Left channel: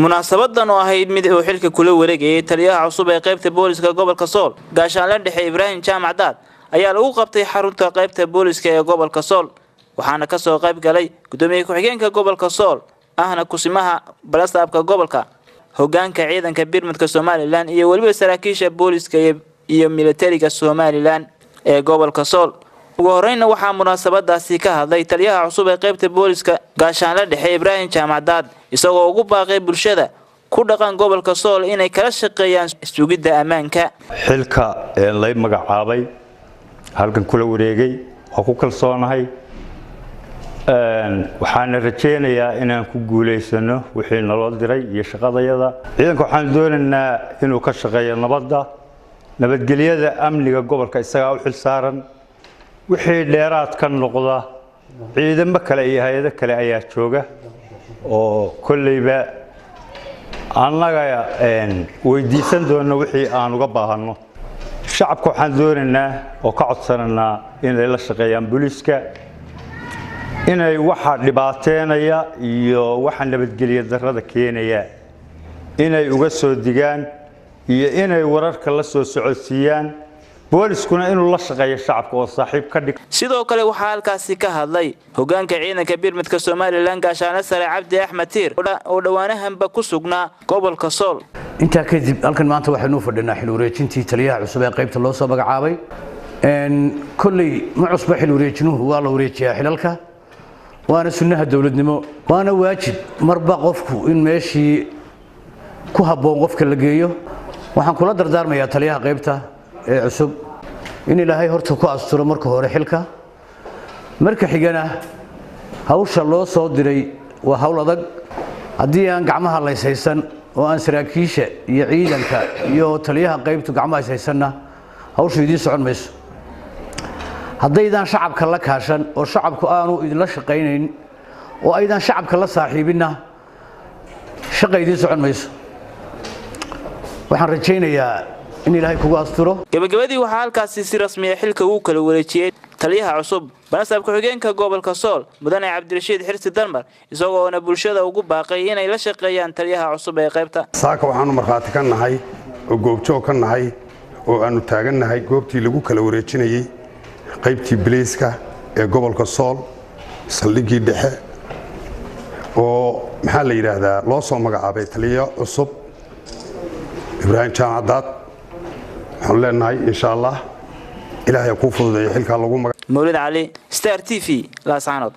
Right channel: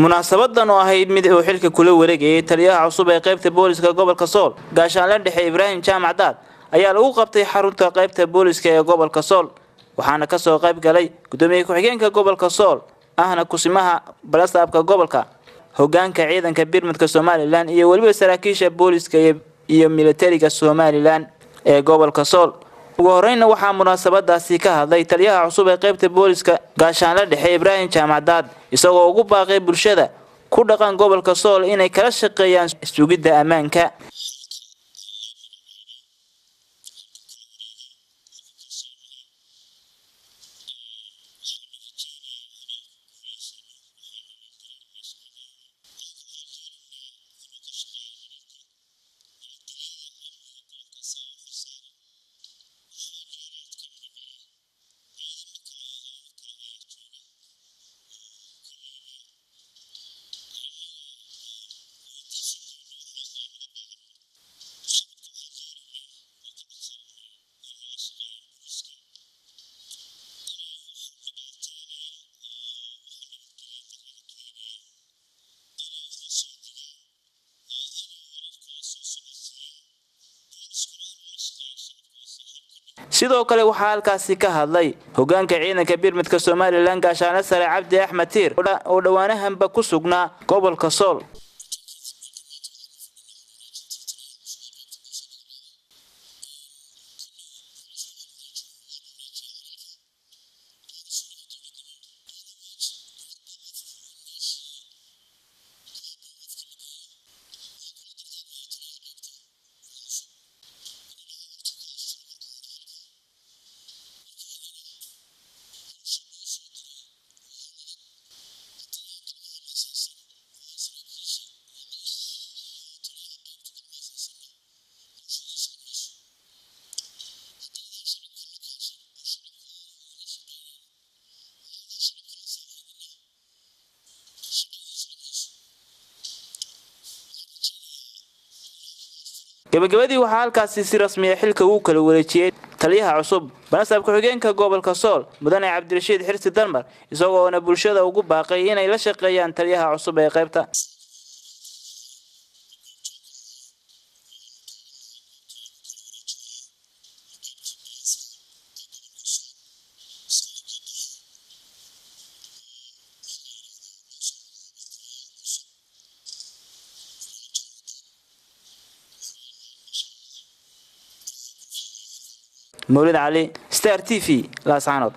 munaasabadan oo ahayd mid uu xilka kula wareegayay taliyaha cusub ee qaybta booliska gobolka Sool gaashaanle dhexe Ibrahim Jaamac Daad ayaa lagu qabtay xarunta qaybta booliska ee gobolka Sool waxaana ka soo qayb galay gudoomiye ku-xigeenka gobolka Sool ahna kusimaha balastaabka gobolka hoggaanka ciidanka birmadka Soomaaliland iyo waliba saraakiisha booliska iyo militariga Soomaaliland ee gobolka Sool ugu horreynna waxaa munaasabadaasi ka hadlay taliyaha cusub ee qaybta booliska gaashaanle dhexe Ibrahim Jaamac Daad isagoo ugu baaqay bulshada ku dhaqan gobolka Sool inay kala shaqeeyaan sugidda ammaanka xilka ee la magacaabay halkan kula wareegay oo ku kalsoonahay waxaan rajeynayaa inaan ku guuleysano wixii naloo diray iyo shaqadayada ciidanka waxaan doonaynaa inuu ka shaqeeyo nabadgelyada amniga gobolka isaga u xil saaran wixii dheeraad ka noqda ciidamo kale iyo hay'ado kale ayaa jooga oo kullayba annaga weydiisan doona wixii aan uga baahano shacabka waxaan doonaynaa oo ka codsananaa inay la shaqeeyaan booliska inay waxa dhibaateynaya iyo waxa nabadgelyo darrada keenaya inay uga soo digaan iyo inay wararka la soo socodsiiyaan booliskuna inuu la shaqeeyo shacabka oo saaxiib ka dhig sidoo kale waxa halkaasi ka hadlay hoggaanka ciidanka birmadka Soomaaliland gaashaanle sare Cabdi Axmed Tiir oo dhawaanahanba ku sugnaa gobolka Sool inta kadib halkan maanta waxaanu fadhinaa xil wareejintii taliyaha cusub ee qaybta loo soo magacaabay kulli ma cusba xil wareejinuhu waa la wareejiyaa xilalka waana sunnaha dawladnimo waana waajib marba qofku in meeshii ku haboon qofka la geeyo waxaan kula dardaarmayaa taliyaha qaybta ee cusub in Ilaahay horta ku asturo marka hore xilka marka xigana hawsha loo soo diray waa hawl adag hadii aan gacmaha la haysan oo aan saraakiisha iyo ciidanka iyo taliyaha qaybtu gacmaha haysanna hawshu idin socon mayso haddaydan shacabka la kaashan oo shacabku aanu idin la shaqeynayn oo aydan shacabka la saaxiibina shaqaydii socon mayso waxaan rajeynayaa in Ilaahay kugu asturo gabagabadii waxa halkaasi si rasmi ah xilka uu kala wareejiyay taliyaha cusub balastaabka ku-xigeenka gobolka Sool mudane Cabdirashiid Xirsi Dalmar isagoo bulshada ugu baaqay inay la shaqeeyaan taliyaha cusub ee qaybta saaka waxaanu marxaati ka nahay oo goobjoog ka nahay oo aanu taagannahay goobtii lagu kala wareejinayay qaybtii biliiska ee gobolka Sool saldhigii dhexe oo maxaa la yiraahdaa loo soo magacaabay taliyaha cusub Ibrahim Jaamac Daad waxaan leenahay insha Allah Ilaahay ku fududeeyo xilka lagu magacaabo Mawlid Ali Star TV la saanad